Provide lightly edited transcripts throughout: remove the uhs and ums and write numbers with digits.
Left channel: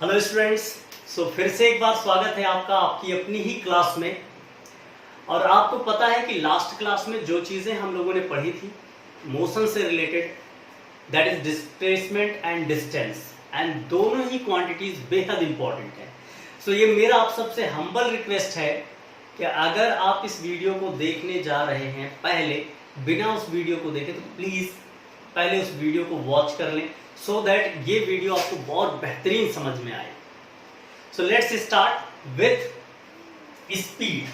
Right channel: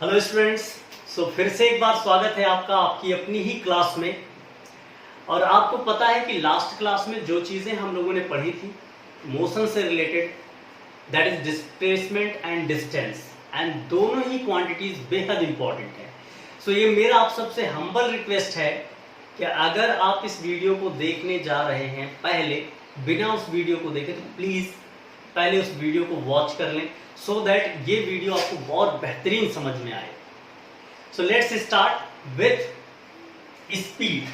Hello students. फिर से एक बार स्वागत है आपका आपकी अपनी ही क्लास में। और आपको पता है कि लास्ट क्लास में जो चीज़ें हम लोगों ने पढ़ी थी मोशन से related, that is displacement and distance, and दोनों ही क्वांटिटीज बेहद इंपॉर्टेंट है। ये मेरा आप सबसे हम्बल रिक्वेस्ट है कि अगर आप इस वीडियो को देखने जा रहे हैं पहले बिना उस वीडियो को देखे तो प्लीज़ पहले उस वीडियो को वॉच कर लें सो दैट ये वीडियो आपको बहुत बेहतरीन समझ में आए। Let's start with speed.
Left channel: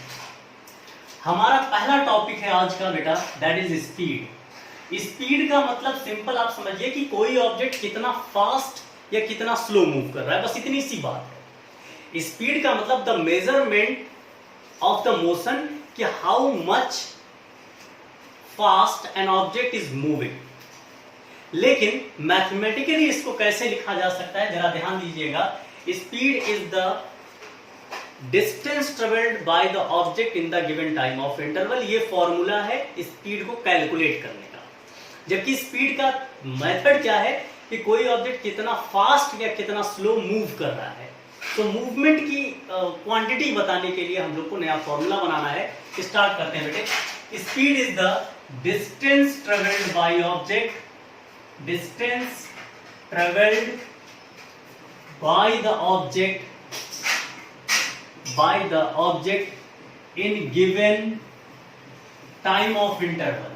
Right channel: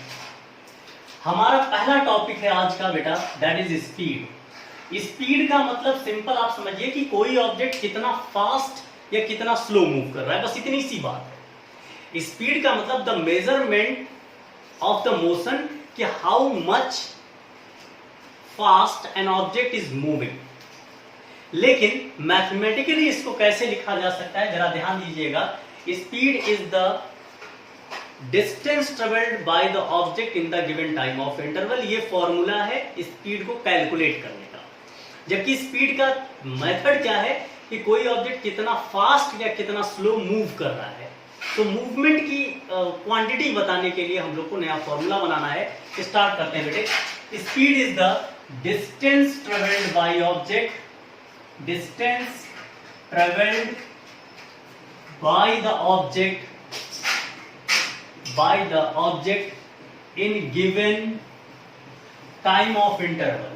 हमारा पहला टॉपिक है आज का बेटा, दैट इज स्पीड। स्पीड का मतलब सिंपल आप समझिए कि कोई ऑब्जेक्ट कितना फास्ट या कितना स्लो मूव कर रहा है, बस इतनी सी बात है। स्पीड का मतलब the measurement of the motion, कि how much fast an object is moving. लेकिन मैथमेटिकली इसको कैसे लिखा जा सकता है, जरा ध्यान दीजिएगा। Speed is the distance travelled by the object in the given time of interval. ये फॉर्मूला है स्पीड को कैलकुलेट करने का। जबकि स्पीड का मेथड क्या है कि कोई ऑब्जेक्ट कितना फास्ट या कितना स्लो मूव कर रहा है। तो मूवमेंट की क्वांटिटी बताने के लिए हम लोग को नया फॉर्मूला बनाना है। स्टार्ट करते हैं बेटे। Speed is the distance travelled by object, distance traveled by the object in given time of interval,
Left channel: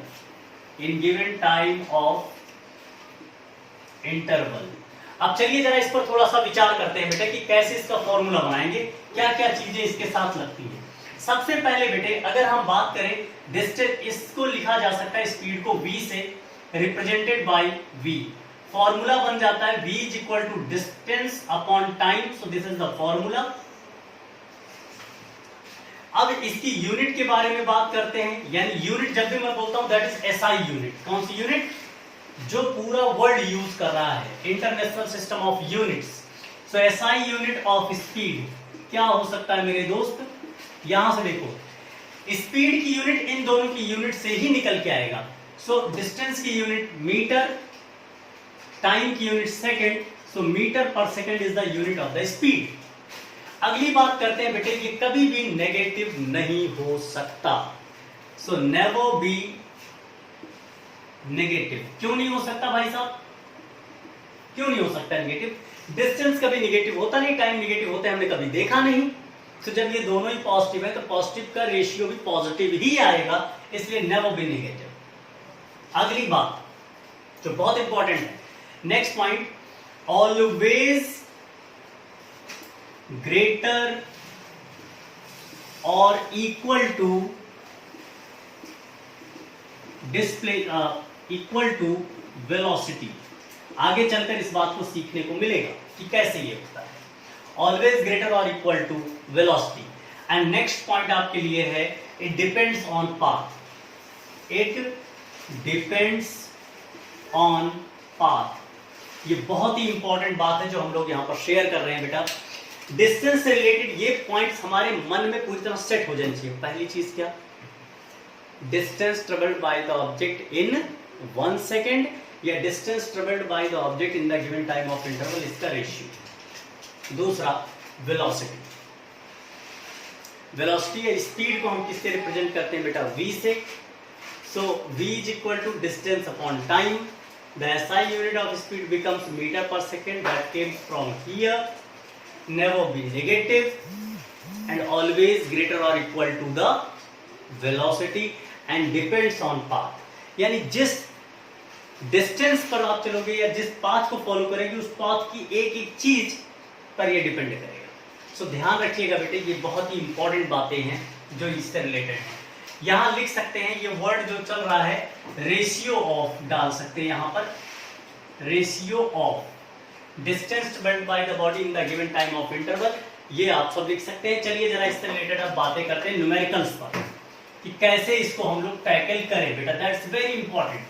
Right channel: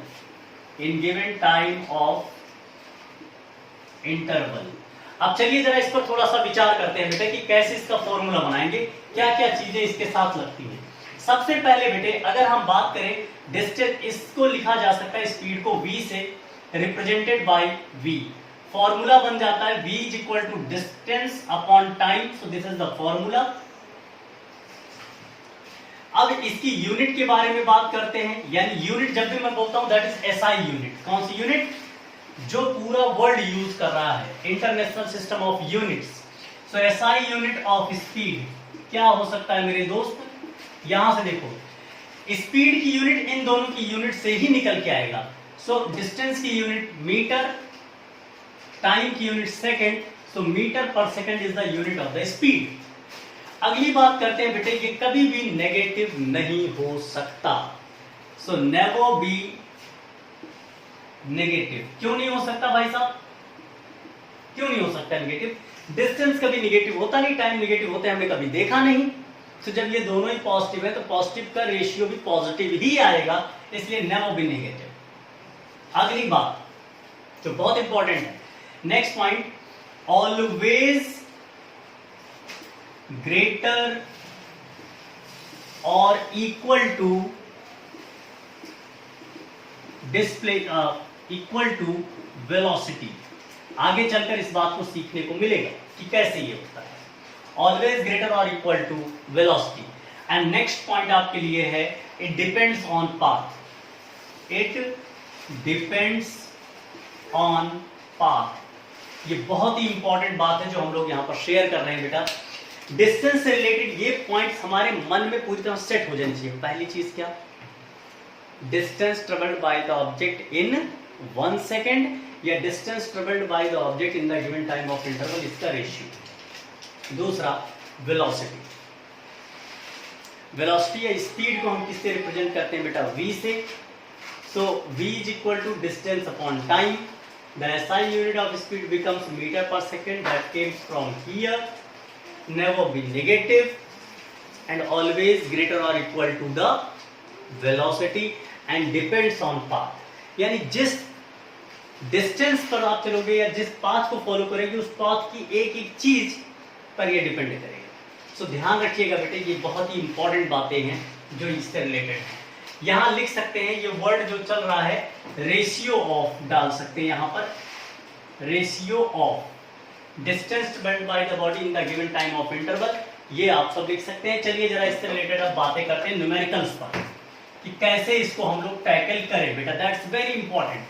अब चलिए जरा इस पर थोड़ा सा विचार करते हैं बेटे कि कैसे इसका फॉर्मूला बनाएंगे, क्या क्या चीजें इसके साथ लगती हैं। सबसे पहले बेटे अगर हम बात करें डिस्टेंस, इसको लिखा जा सकता है स्पीड को v से रिप्रेजेंटेड बाय v। फॉर्मूला बन जाता है v is equal to distance upon time. So this is the formula. अब इसकी यूनिट के बारे में बात करते हैं, यानी यूनिट जब भी मैं बोलता हूं दैट इज एसआई यूनिट। कौन सी यूनिट? जो पूरा वर्ल्ड यूज कर रहा है, international system of units. So SI unit of speed क्या हो सकता है मेरे दोस्त? यहां से देखो, स्पीड की यूनिट इन दोनों की यूनिट से ही निकल के आएगा। डिस्टेंस की यूनिट मीटर, टाइम की यूनिट सेकंड। मीटर पर second is the unit of the speed. अगली बात करते हैं बेटे, ये कभी भी नेगेटिव नहीं हो सकता। Never be negative. क्यों नहीं हो सकता भाई साहब? क्यों नहीं हो सकता नेगेटिव? डिस्टेंस कभी नेगेटिव होता नहीं, टाइम नेगेटिव होता है, हमने कभी देखा नहीं। जब ये दोनों ही पॉजिटिव है तो पॉजिटिव का रेशियो भी पॉजिटिव ही आएगा, इसलिए नेवर बी नेगेटिव। अगली बात तो बहुत इंपॉर्टेंट है, नेक्स्ट पॉइंट, ऑलवेज ग्रेटर और equal to display equal to velocity. आगे चलकर इस बात को सीखने को मिलेगा कि कैसे ये होता है। ऑलवेज ग्रेटर और equal to velocity. And next point आपके लिए है, it depends on path. It depends on path. ये बहुत ही इंपॉर्टेंट बात है जो हम लोग यहां पर शेयर कर रहे हैं बेटा। डिस्टेंस से रिलेटेड ये पॉइंट्स हमारे मन में पूरी तरह सेट हो जानी चाहिए। पहली चीज क्या? Distance travelled by the object in 1 second, या distance travelled by the object in the given time of interval, इसका रेशियो। दूसरा वेलोसिटी। वेलोसिटी या स्पीड को हम किससे रिप्रेजेंट करते हैं बेटा? v से। v is equal to distance upon time. The SI unit of speed becomes meter per second. That came from here. Never be negative and always greater or equal to the velocity and depends on path. यानी जिस distance पर आप चलोगे या जिस path को follow करेंगे उस पाथ की एक एक चीज पर ये डिपेंड करेगा। ध्यान रखिएगा बेटे, ये बहुत ही इंपॉर्टेंट बातें हैं जो इससे रिलेटेड है। यहां लिख सकते हैं, ये वर्ड जो चल रहा है रेशियो ऑफ डाल सकते हैं यहां पर, ratio of distance travelled by the body in the given time of interval, ये आप सब लिख सकते हैं। चलिए जरा इससे रिलेटेड अब बातें करते हैं न्यूमेरिकल्स पर कि कैसे इसको हम लोग टैकल करें बेटा, दैट्स वेरी इंपॉर्टेंट।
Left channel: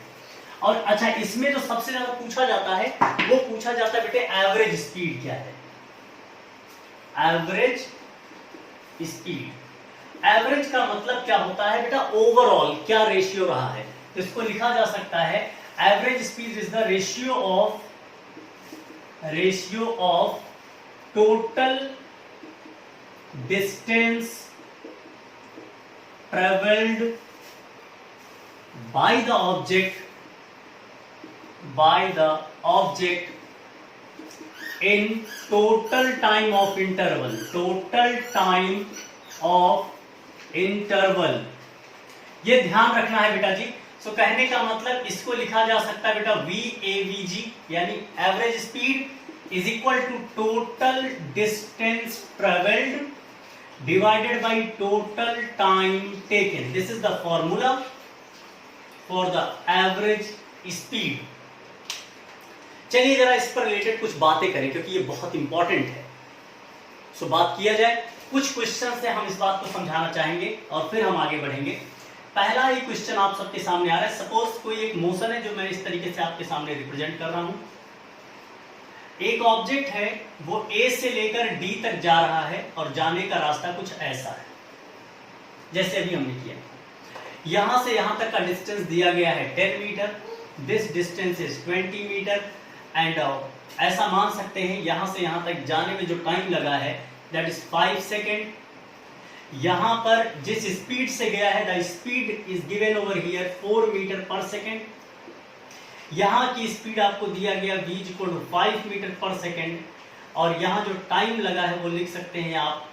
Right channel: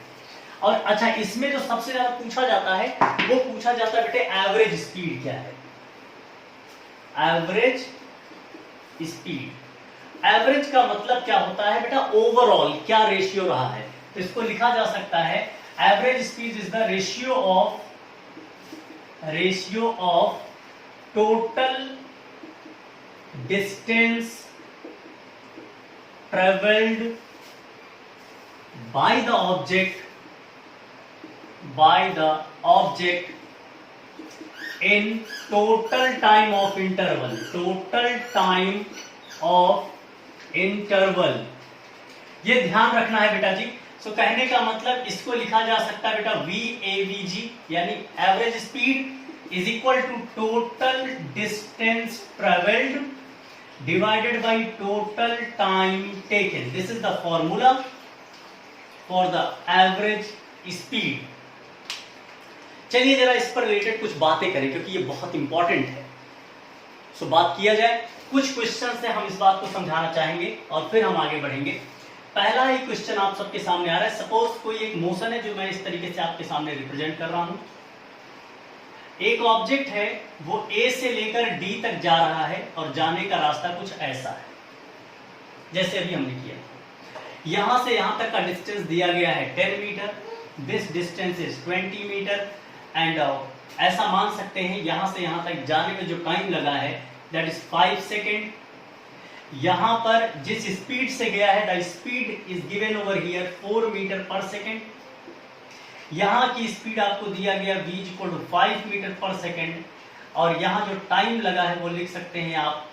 और अच्छा, इसमें जो सबसे ज्यादा पूछा जाता है वो पूछा जाता है बेटे एवरेज स्पीड क्या है? Average speed. एवरेज का मतलब क्या होता है बेटा? ओवरऑल क्या रेशियो रहा है। तो इसको लिखा जा सकता है average speed is the ratio of total distance travelled by the object in total time of interval, ये ध्यान रखना है बेटा जी। सो कहने का मतलब इसको लिखा जा सकता है बेटा VAVG यानी average speed is equal to total distance travelled divided by total time taken. This is the formula for the average speed. चलिए जरा इस पर रिलेटेड कुछ बातें करें क्योंकि ये बहुत इंपॉर्टेंट है। सो बात किया जाए, कुछ क्वेश्चन से हम इस बात को समझाना चाहेंगे और फिर हम आगे बढ़ेंगे। पहला ही क्वेश्चन आप सबके सामने आ रहा है। सपोज कोई एक मोशन है जो मैं इस तरीके से आपके सामने रिप्रेजेंट कर रहा हूं। एक ऑब्जेक्ट है वो ए से लेकर डी तक जा रहा है और जाने का रास्ता कुछ ऐसा है जैसे अभी हमने किया। यहां से यहां तक का डिस्टेंस दिया गया है 10 metre, this distance is 20 metre and ऐसा मान सकते हैं यहां से यहां तक जाने में जो टाइम लगा है दैट इज 5 सेकेंड। यहां पर जिस स्पीड से गया है the speed is given over here 4 metre per second. यहां की स्पीड आपको दिया गया v equal to 5 metre per second और यहां जो टाइम लगा है वो लिख सकते हैं आप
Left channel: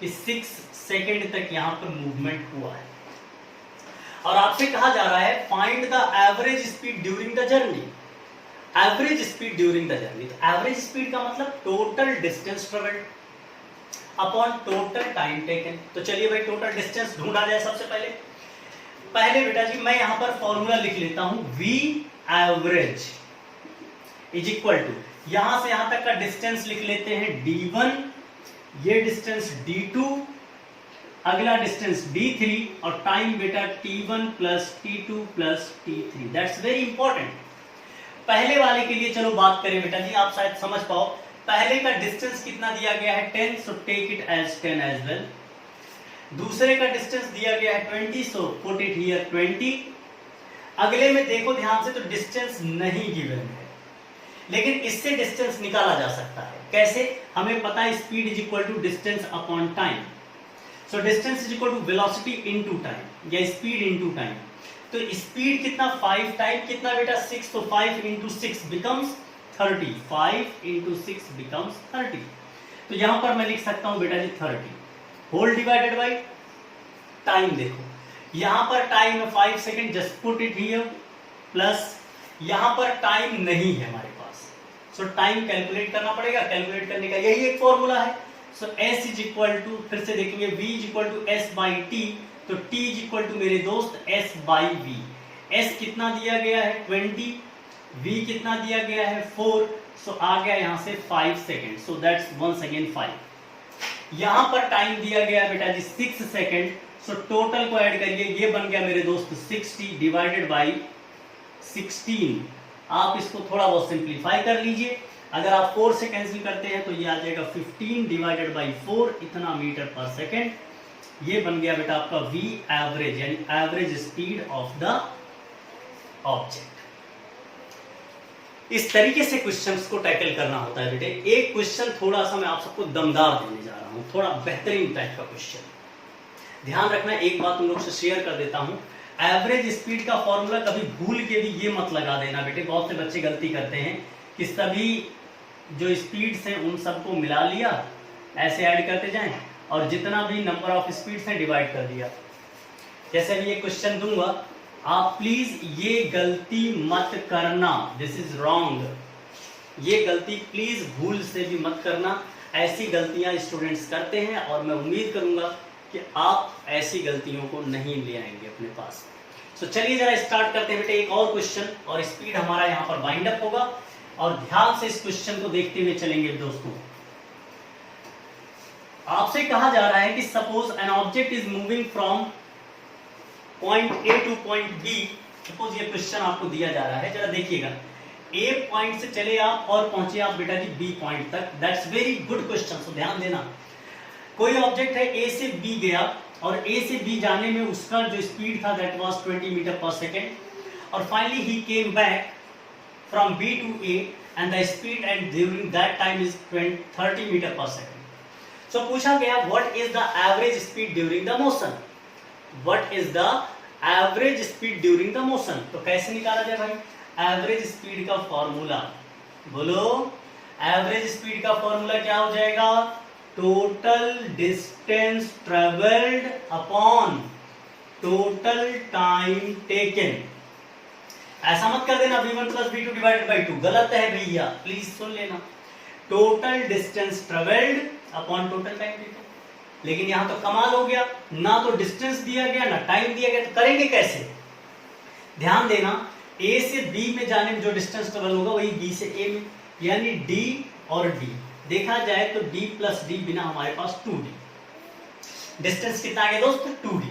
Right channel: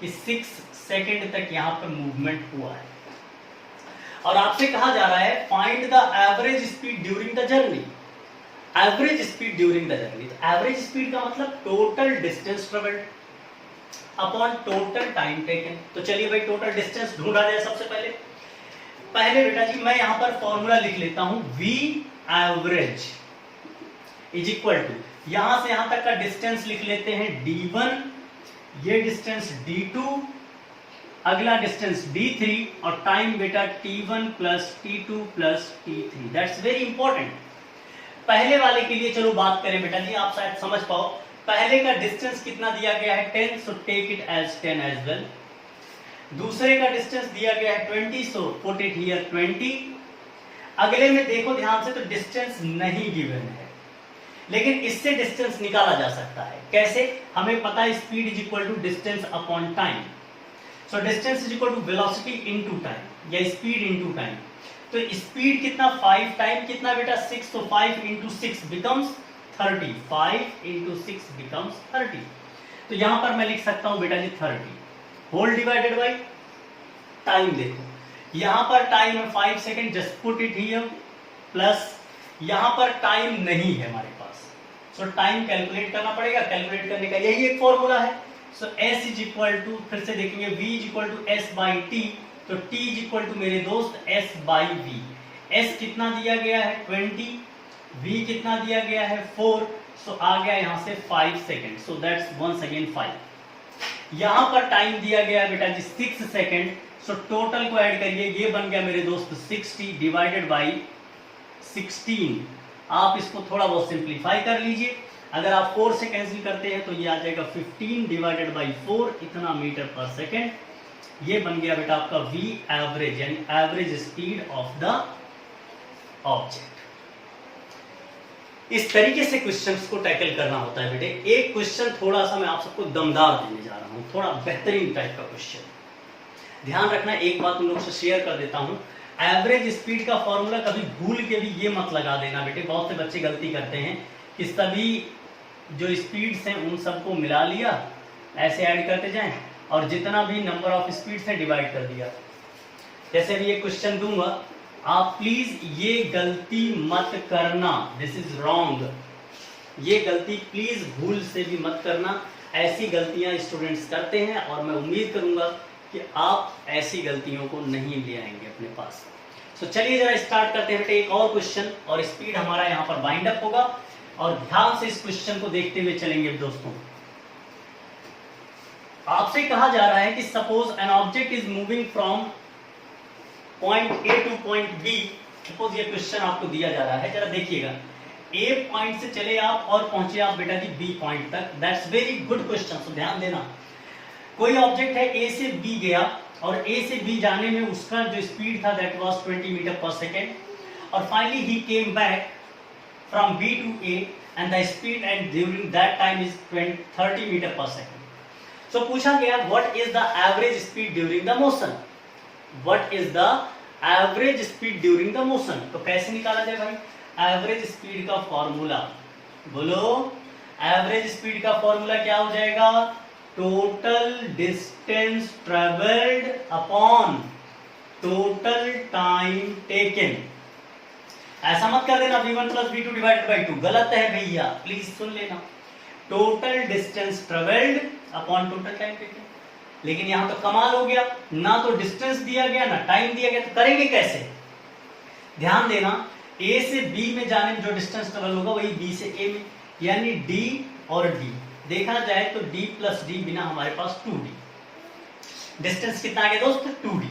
कि 6 सेकेंड तक यहां पर मूवमेंट हुआ है। और आपसे कहा जा रहा है find the average speed during the journey. Average speed during the journey, average speed का मतलब total distance travelled upon total time taken. तो चलिए भाई टोटल डिस्टेंस ढूंढा जाए। सबसे पहले बेटा जी मैं यहां पर फॉर्मूला लिख लेता हूं v average is equal to, यहां से यहां तक का डिस्टेंस लिख लेते हैं d1, ये डिस्टेंस d2, अगला डिस्टेंस d3 और टाइम बेटा t1 plus t2 plus t3। That's very important. पहले वाले के लिए चलो बात करें बेटा जी, आप शायद समझ पाओ। पहले का डिस्टेंस कितना दिया गया है 10, so take it as 10 as well. दूसरे का डिस्टेंस दिया गया है 20, सो पुट इट हियर 20। अगले में देखो ध्यान से तो डिस्टेंस नहीं गिवन है, लेकिन इससे डिस्टेंस निकाला जा सकता है। कैसे? हमें पता है speed is equal to distance upon time. So distance is equal to velocity into time या स्पीड इनटू टाइम। तो स्पीड कितना 5, टाइम कितना बेटा 6, तो 5 इंटू 6 बिकम्स 30, 5 इंटू 6 बिकम्स 30। तो यहां पर मैं लिख सकता हूं बेटा जी 30 होल डिवाइडेड बाई टाइम। देखो यहां पर टाइम है 5 second, just put it here, plus यहां पर टाइम नहीं है हमारे पास, सो टाइम कैलकुलेट करना पड़ेगा। कैलकुलेट करने का यही एक फॉर्मूला है। So s is equal to, फिर से देखेंगे v is equal to s by T, तो t इज इक्वल टू मेरे दोस्त s बाई v। s कितना दिया गया है 20, v कितना दिया गया है 4, सो आ गया यहां से 5 second, so that's once again 5। यहां पर टाइम दिया गया बेटा जी 6 सेकेंड, सो टोटल को ऐड करिए, ये बन गया मेरे दोस्त 60 डिवाइडेड बाई 16। आप इसको थोड़ा बहुत सिंप्लीफाई कर लीजिए। अगर आप 4 से कैंसिल करते हैं तो ये आ जाएगा 15 डिवाइडेड बाई 4, इतना मीटर पर सेकेंड। ये बन गया बेटा आपका v एवरेज यानी average speed of the object. इस तरीके से क्वेश्चंस को टैकल करना होता है बेटे। एक क्वेश्चन थोड़ा सा मैं आप सबको दमदार देने जा रहा हूं, थोड़ा बेहतरीन टाइप का क्वेश्चन। ध्यान रखना, एक बात तुम लोग से शेयर कर देता हूं, एवरेज स्पीड का फॉर्मूला कभी भूल के भी ये मत लगा देना बेटे। बहुत से बच्चे गलती करते हैं कि सभी जो स्पीड्स हैं उन सबको मिला लिया, ऐसे ऐड करते जाएं और जितना भी नंबर ऑफ स्पीड्स है डिवाइड कर दिया। जैसे भी ये क्वेश्चन दूंगा, आप प्लीज ये गलती मत करना, दिस इज रॉन्ग। ये गलती प्लीज भूल से भी मत करना। ऐसी गलतियां स्टूडेंट्स करते हैं और मैं उम्मीद करूंगा कि आप ऐसी गलतियों को नहीं ले आएंगे अपने पास। सो चलिए जरा स्टार्ट करते हैं बेटे एक और क्वेश्चन, और स्पीड हमारा यहाँ पर बाइंड अप होगा और ध्यान से इस क्वेश्चन को देखते हुए चलेंगे दोस्तों। आपसे कहा जा रहा है कि suppose an object is moving from point A to point B. Suppose ये क्वेश्चन आपको दिया जा रहा है, जरा देखिएगा। ए पॉइंट से चले आप और पहुंचे आप बेटा जी बी पॉइंट तक। दैट्स वेरी गुड क्वेश्चन, सो ध्यान देना। कोई ऑब्जेक्ट है ए से बी गया और ए से बी जाने में उसका जो स्पीड था that was 20 metre per second, और finally he came back from B to A and the speed and during that time is 30 meter per second. So पूछा गया what is the average speed during the motion? What is the average speed during the motion? तो कैसे निकाला जाए भाई? Average speed का formula बोलो, average speed का फॉर्मूला क्या हो जाएगा? Total distance travelled upon total time taken. ऐसा मत कर देना v1 plus v2 divided by 2, गलत है भैया, प्लीज सुन लेना। Total distance travelled upon total time taken. लेकिन यहां तो कमाल हो गया, ना तो डिस्टेंस दिया गया ना टाइम दिया गया, तो करेंगे कैसे? ध्यान देना, ए से बी में जाने में जो डिस्टेंस ट्रेवल होगा वही बी से ए में, यानी डी और डी देखा जाए तो डी प्लस डी बिना हमारे पास 2d। डिस्टेंस कितना आ गया दोस्त? 2d।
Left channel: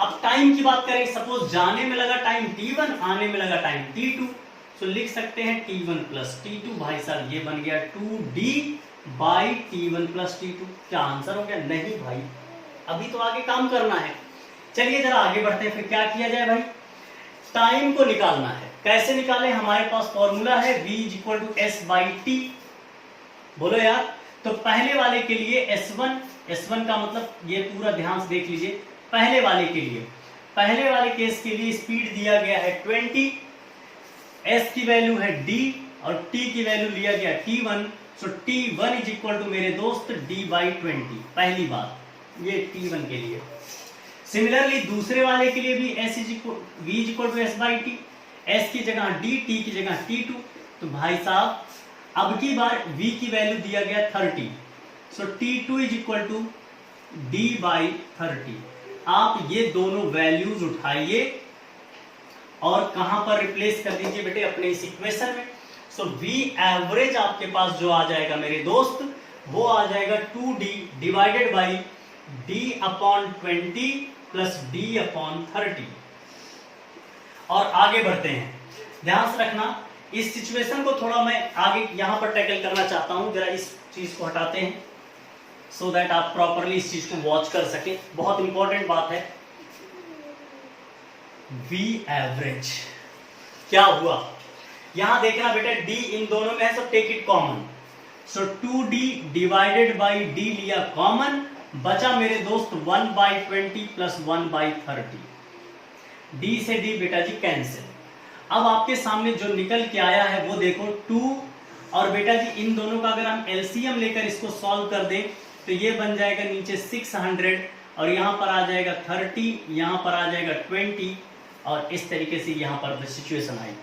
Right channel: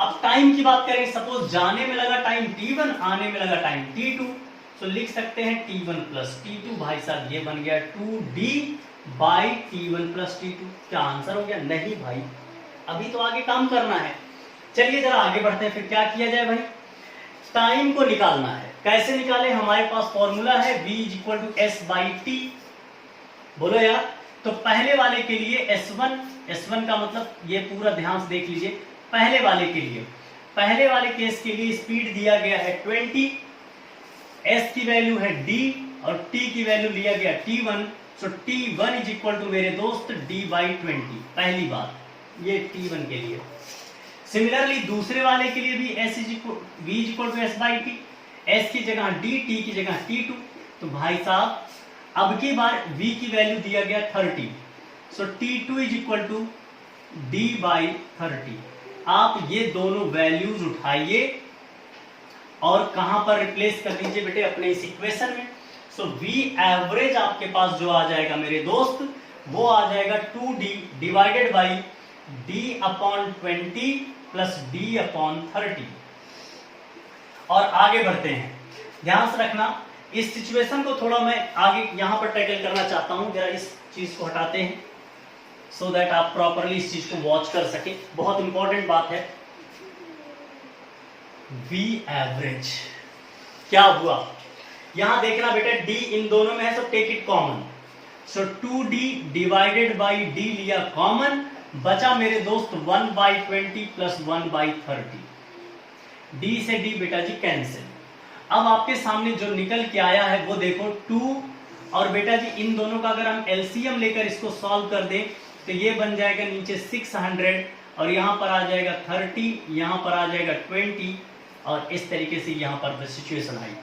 अब टाइम की बात करें, सपोज जाने में लगा टाइम t1, आने में लगा टाइम t2, तो लिख सकते हैं t1 प्लस t2। भाई साहब ये बन गया 2d by t1 plus t2। क्या आंसर हो गया? नहीं भाई, अभी तो आगे काम करना है। चलिए जरा आगे बढ़ते हैं, फिर क्या किया जाए भाई? टाइम को निकालना है। कैसे निकाले? हमारे पास फॉर्मूला है v equal to S by T. बोलो यार, तो पहले वाले के लिए S1 का मतलब ये पूरा ध्यान से देख लीजिए। पहले वाले के लिए, पहले वाले केस के लिए स्पीड दिया गया है 20, S की वैल्यू है d और t की वैल्यू लिया गया t1। So t1 is equal to मेरे दोस्त d बाई 20। पहली बात ये t1 के लिए। सिमिलरली दूसरे वाले के लिए भी v equal to S by T, S की जगह d, t की जगह t2। तो भाई साहब अब की बार v की वैल्यू दिया गया 30, so t2 is equal to d by 30। आप ये दोनों वैल्यूज उठाइए और कहां पर रिप्लेस कर दीजिए बेटे? अपने इस इक्वेशन में। सो v एवरेज आपके पास जो आ जाएगा मेरे दोस्त, वो आ जाएगा 2d divided by d upon 20 plus d upon 30। और आगे बढ़ते हैं, ध्यान से रखना इस सिचुएशन को थोड़ा मैं आगे यहां पर टैकल करना चाहता हूं। जरा इस चीज को हटाते हैं सो दैट आप प्रॉपरली इस चीज को वॉच कर सके। बहुत इंपॉर्टेंट बात है। v एवरेज क्या हुआ यहां देखना बेटा, d इन दोनों में है, so take it common. So 2d divided by d लिया कॉमन, बचा मेरे दोस्त 1 बाई 20 प्लस 1 बाई 30। d से d बेटा जी कैंसिल। अब आपके सामने जो निकल के आया है वो देखो 2, और बेटा जी इन दोनों का अगर हम एलसीएम लेकर इसको सॉल्व कर दें तो ये बन जाएगा नीचे 600 और यहां पर आ जाएगा 30, यहां पर आ जाएगा 20, और इस तरीके से यहां पर सिचुएशन आई।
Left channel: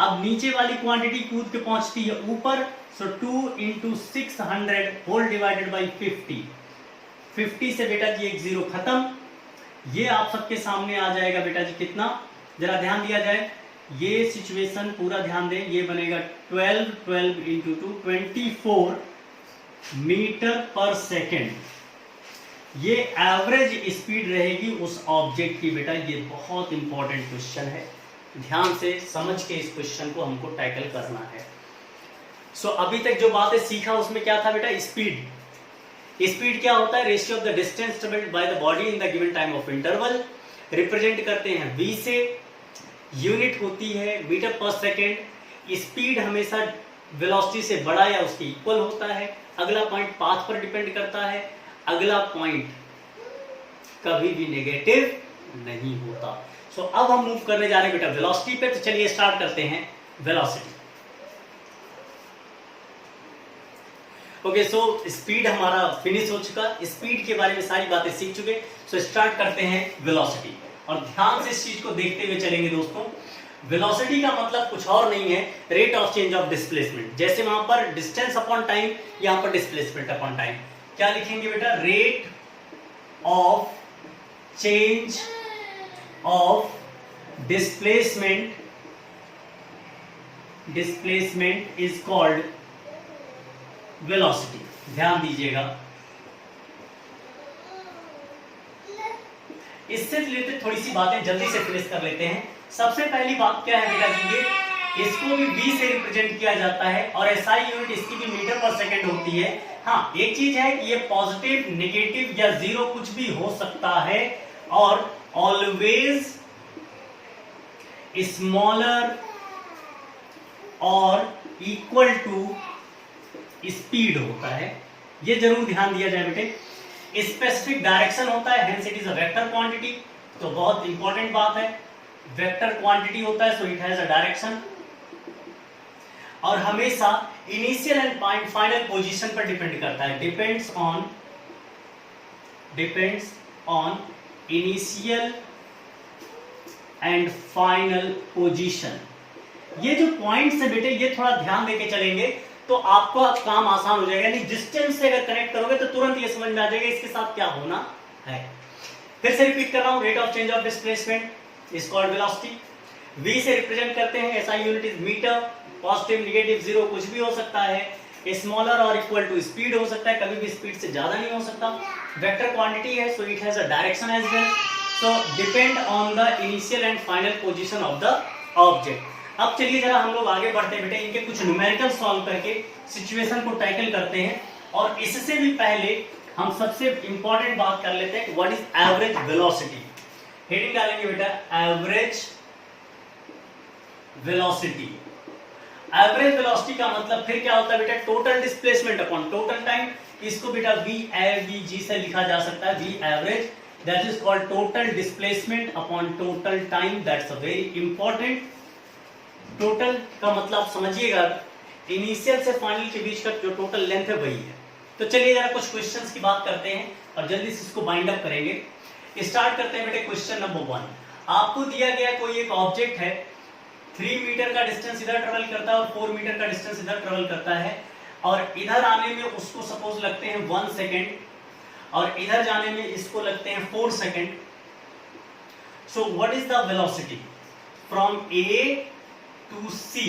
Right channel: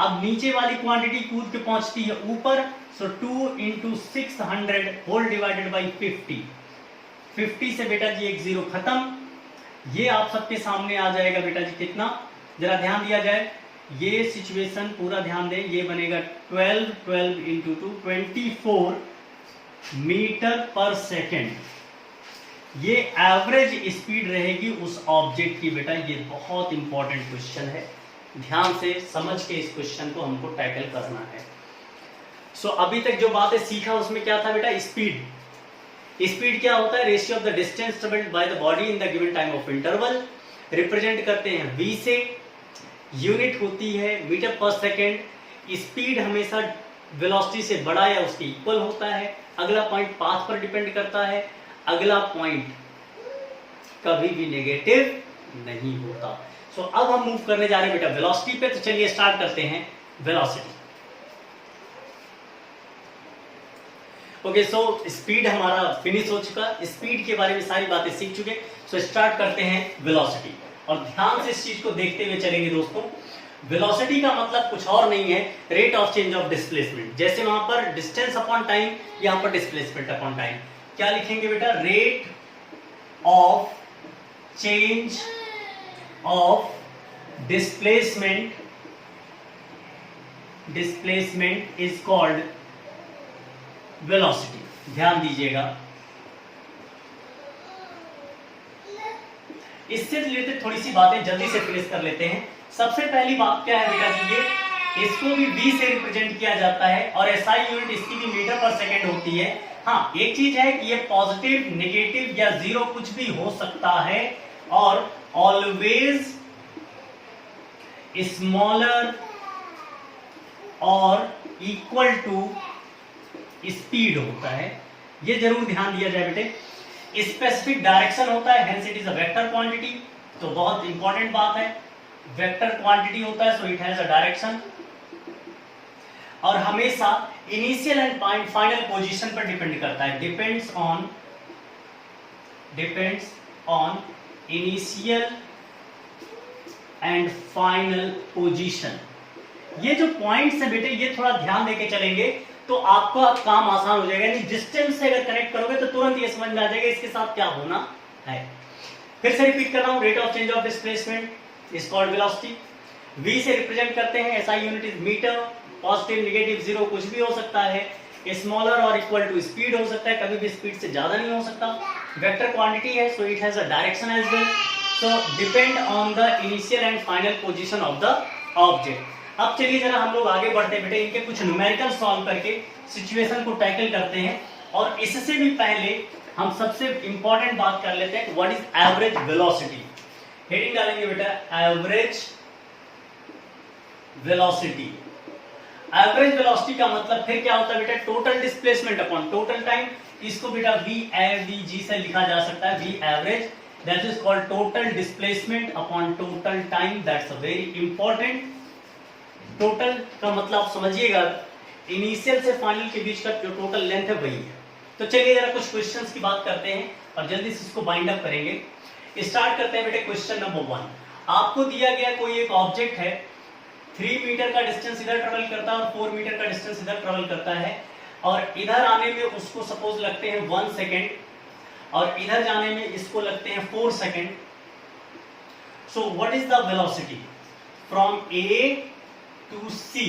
अब नीचे वाली क्वांटिटी कूद के पहुंचती है ऊपर, सो 2 इंटू 600 होल डिवाइडेड बाई 50। 50 से बेटा जी एक जीरो खत्म। ये आप सबके सामने आ जाएगा बेटा जी कितना, जरा ध्यान दिया जाए, ये सिचुएशन पूरा ध्यान दें, ये बनेगा 12 इंटू 2 24 मीटर पर सेकेंड। ये एवरेज स्पीड रहेगी उस ऑब्जेक्ट की बेटा। ये बहुत इंपॉर्टेंट क्वेश्चन है, ध्यान से समझ के इस क्वेश्चन को हमको टैकल करना है। सो अभी तक जो बातें सीखा उसमें क्या था बेटा? स्पीड। स्पीड क्या होता है? Ratio of the distance travelled by the body in the given time of interval. Represent करते हैं v से, यूनिट होती है मीटर पर सेकेंड। स्पीड हमेशा वेलोसिटी से बड़ा या उसके इक्वल होता है। अगला पॉइंट पाथ पर डिपेंड करता है। अगला पॉइंट कभी भी नेगेटिव नहीं होता। सो अब हम मूव करने जा रहे हैं बेटा वेलोसिटी पे। तो चलिए स्टार्ट करते हैं वेलोसिटी। ओके, सो स्पीड हमारा फिनिश हो चुका। स्पीड के बारे में सारी बातें सीख चुके। सो स्टार्ट करते हैं वेलोसिटी, और ध्यान से इस चीज को देखते हुए चलेंगे दोस्तों। वेलोसिटी का मतलब कुछ और नहीं है, rate of change of displacement. जैसे वहां पर डिस्टेंस अपॉन टाइम, यहां पर डिस्प्लेसमेंट अपॉन टाइम। क्या लिखेंगे बेटा? Rate of change of displacement is called velocity. ध्यान दीजिएगा, इससे रिलेटेड थोड़ी सी बातें जल्दी से फिनिश कर लेते हैं। सबसे पहली बात क्या है बेटा जी, ये इसको भी v से रिप्रेजेंट किया जाता है, और एसआई यूनिट इसकी भी मीटर पर सेकंड होती है। हाँ, एक चीज है कि ये पॉजिटिव, नेगेटिव या जीरो कुछ भी हो सकता है, और ऑलवेज स्मॉलर और इक्वल टू स्पीड होता है, ये जरूर ध्यान दिया जाए बेटे। स्पेसिफिक डायरेक्शन होता है, hence it is a vector quantity, तो बहुत इंपॉर्टेंट बात है, वेक्टर क्वांटिटी होता है, so it has a direction, और हमेशा इनिशियल एंड फाइनल पोजीशन पर डिपेंड करता है, depends on initial and final position. ये जो पॉइंट्स है बेटे, ये थोड़ा ध्यान देके चलेंगे तो आपका काम आसान हो जाएगा, यानी डिस्टेंस से अगर कनेक्ट करोगे तो तुरंत ये समझ में आ जाएगा इसके साथ क्या होना है। फिर से रिपीट कर रहा हूं, rate of change of displacement is called velocity. v से रिप्रेजेंट करते हैं, SI unit is metre, positive negative zero कुछ भी हो सकता है, स्मॉलर और इक्वल टू स्पीड हो सकता है, कभी भी स्पीड से ज्यादा नहीं हो सकता, वेक्टर क्वांटिटी है, so it has a direction as well, so depend on the initial and final position of the object. अब चलिए जरा हम लोग आगे बढ़ते हैं बेटे, इनके कुछ न्यूमेरिकल सॉल्व करके सिचुएशन को टैकल करते हैं। और इससे भी पहले हम सबसे इंपॉर्टेंट बात कर लेते हैं, what is average velocity. Heading डालेंगे बेटा, एवरेज वेलोसिटी। एवरेज वेलोसिटी का मतलब फिर क्या होता है बेटा, total displacement upon total time. इसको बेटा VAVG से लिखा जा सकता है, V average, that is called total displacement upon total time, that's a very important. Total का मतलब समझिएगा, इनिशियल से फाइनल के बीच का जो टोटल लेंथ है वही है। तो चलिए जरा कुछ क्वेश्चंस की बात करते हैं और जल्दी से इसको बाइंड अप करेंगे। स्टार्ट करते हैं बेटे क्वेश्चन नंबर 1। आपको दिया गया कोई एक ऑब्जेक्ट है, 3 मीटर का डिस्टेंस इधर ट्रेवल करता है और 4 मीटर का डिस्टेंस इधर ट्रेवल करता है, और इधर आने में उसको सपोज लगते हैं 1 सेकेंड और इधर जाने में इसको लगते हैं 4 second. So what is the velocity from A to C?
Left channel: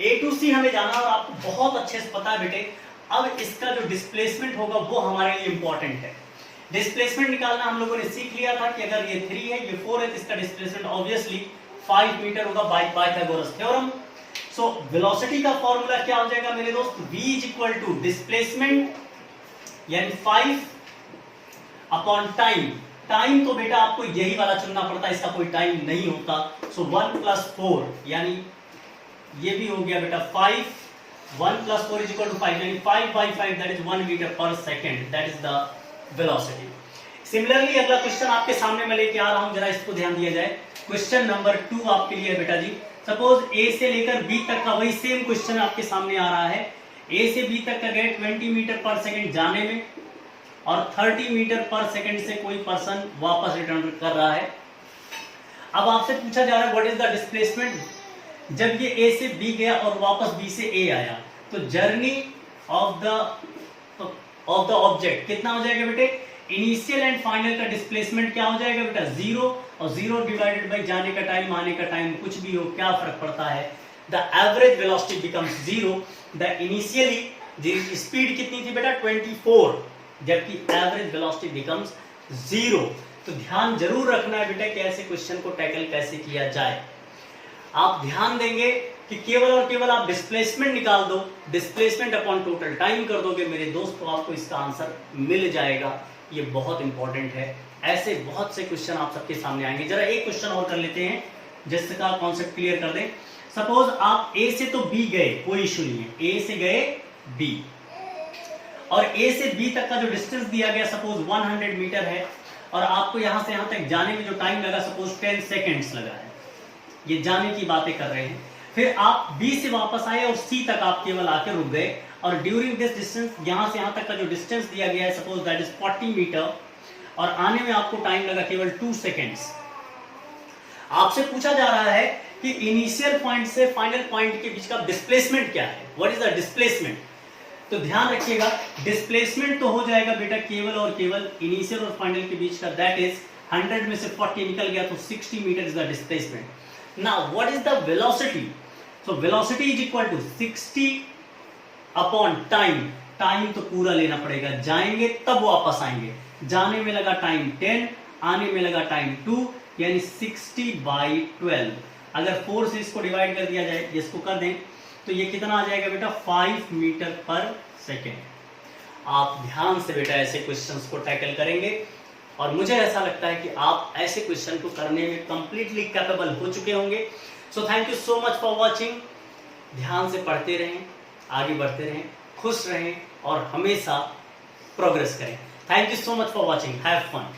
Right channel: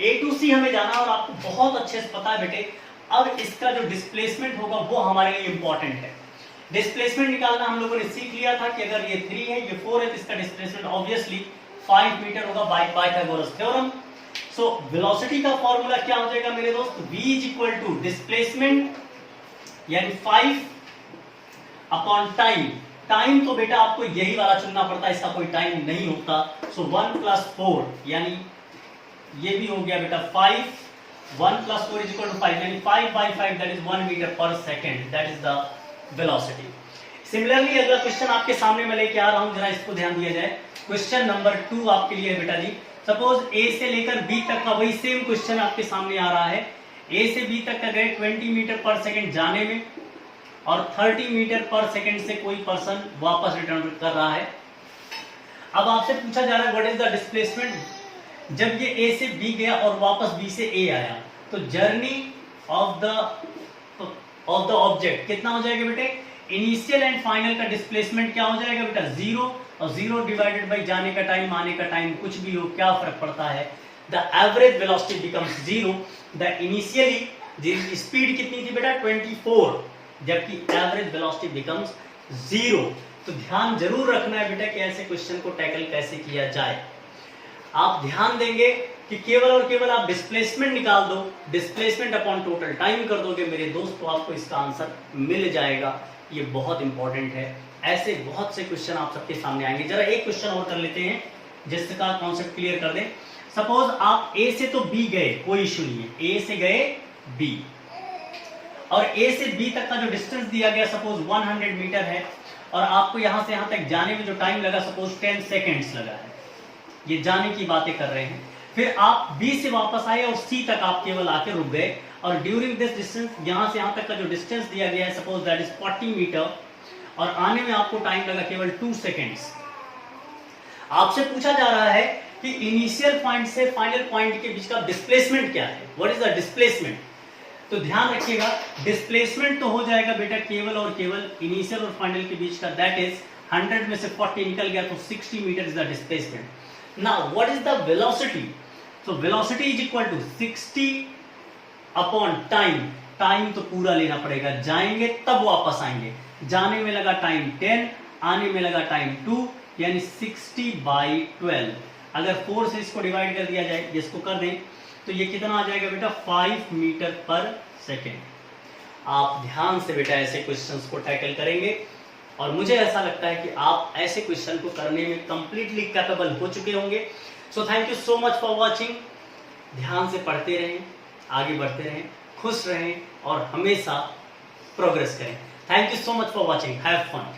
A to C हमें जाना और आपको बहुत अच्छे से पता है बेटे। अब इसका जो डिस्प्लेसमेंट होगा वो हमारे लिए इंपॉर्टेंट है। डिस्प्लेसमेंट निकालना हम लोगों ने सीख लिया था कि अगर ये 3 है, ये 4 है, तो इसका डिस्प्लेसमेंट ऑब्वियसली 5 मीटर होगा by Pythagoras theorem. So velocity का फॉर्मूला क्या हो जाएगा मेरे दोस्त, v is equal to displacement यानी 5 अपॉन टाइम। टाइम तो बेटा आपको यही वाला चुनना पड़ता है, इसका कोई टाइम नहीं होता। सो 1 + 4 यानी ये भी हो गया बेटा 5, 1 + 4 इज इक्वल टू 5, यानी 5/5 that is 1 metre per second, that is the velocity. Similarly अगला क्वेश्चन आपके सामने मैं लेके आ रहा हूं, जरा इसको ध्यान दिया जाए। क्वेश्चन नंबर 2 आपके लिए बेटा जी, सपोज A से लेकर B तक का वही सेम क्वेश्चन आपके सामने आ रहा है। A से B तक का रेट 20 मीटर पर सेकेंड जाने में और 30 मीटर पर सेकेंड से कोई पर्सन वापस रिटर्न कर रहा है। अब आपसे पूछा जा रहा है व्हाट इज द डिस्प्लेसमेंट जब ये A से B गया और वापस B से A आया, तो जर्नी ऑफ द ऑब्जेक्ट कितना हो जाएगा बेटे, इनिशियल एंड फाइनल का डिस्प्लेसमेंट क्या हो जाएगा बेटा 0, और 0 डिवाइडेड बाई जाने का टाइम आने का टाइम कुछ भी हो क्या फर्क पड़ता है, the average velocity becomes 0। The initially speed कितनी थी बेटा 24, जबकि एवरेज वेलोसिटी बिकम्स 0। तो ध्यान जरूर रखना है बेटा कि ऐसे क्वेश्चन को टैकल कैसे किया जाए। आप ध्यान देंगे कि केवल और केवल आप डिस्प्लेसमेंट निकाल दो, डिस्प्लेसमेंट अपॉन टोटल टाइम कर दोगे मेरे दोस्त, तो आपको इसका आंसर मिल जाएगा। ये बहुत इंपॉर्टेंट है, ऐसे बहुत से क्वेश्चन आप सबके सामने आएंगे। जरा एक क्वेश्चन और कर लेते हैं जिसका कॉन्सेप्ट क्लियर कर दें। सपोज आप A से तो B गए, कोई इशू नहीं है, A से गए B और A से B तक का जो डिस्टेंस दिया गया सपोज 100 मीटर है, और आपको यहां से यहां तक जाने में जो टाइम लगा सपोज 10 सेकेंड्स लगा है, ये जाने की बातें कर रहे हैं। फिर आप B से वापस आए और C तक आप केवल आके रुक गए, और ड्यूरिंग दिस डिस्टेंस यहां से यहां तक का जो डिस्टेंस दिया गया है सपोज दैट इज 40 मीटर, और आने में आपको टाइम लगा केवल 2 सेकेंड्स। आपसे पूछा जा रहा है कि इनिशियल पॉइंट से फाइनल पॉइंट के बीच का डिस्प्लेसमेंट क्या है, व्हाट इज द डिस्प्लेसमेंट। तो ध्यान रखिएगा, डिस्प्लेसमेंट तो हो जाएगा बेटा केवल और केवल इनिशियल और फाइनल के बीच का, दैट इज 100 में से 40 निकल गया तो 60 metre is the displacement. Now what is the velocity, so velocity is equal to 60 upon time. Time तो पूरा लेना पड़ेगा, जाएंगे तब वापस आएंगे, जाने में लगा टाइम 10, आने में लगा टाइम 2, यानी 60/12। अगर 4 से इसको डिवाइड कर दिया जाए, इसको कर दें, तो ये कितना आ जाएगा बेटा 5 मीटर पर सेकेंड। आप ध्यान से बेटा ऐसे क्वेश्चंस को टैकल करेंगे, और मुझे ऐसा लगता है कि आप ऐसे क्वेश्चन को करने में कंप्लीटली कैपेबल हो चुके होंगे। So thank you so much for watching. ध्यान से पढ़ते रहें, आगे बढ़ते रहें, खुश रहें और हमेशा प्रोग्रेस करें। Thank you so much for watching, have fun.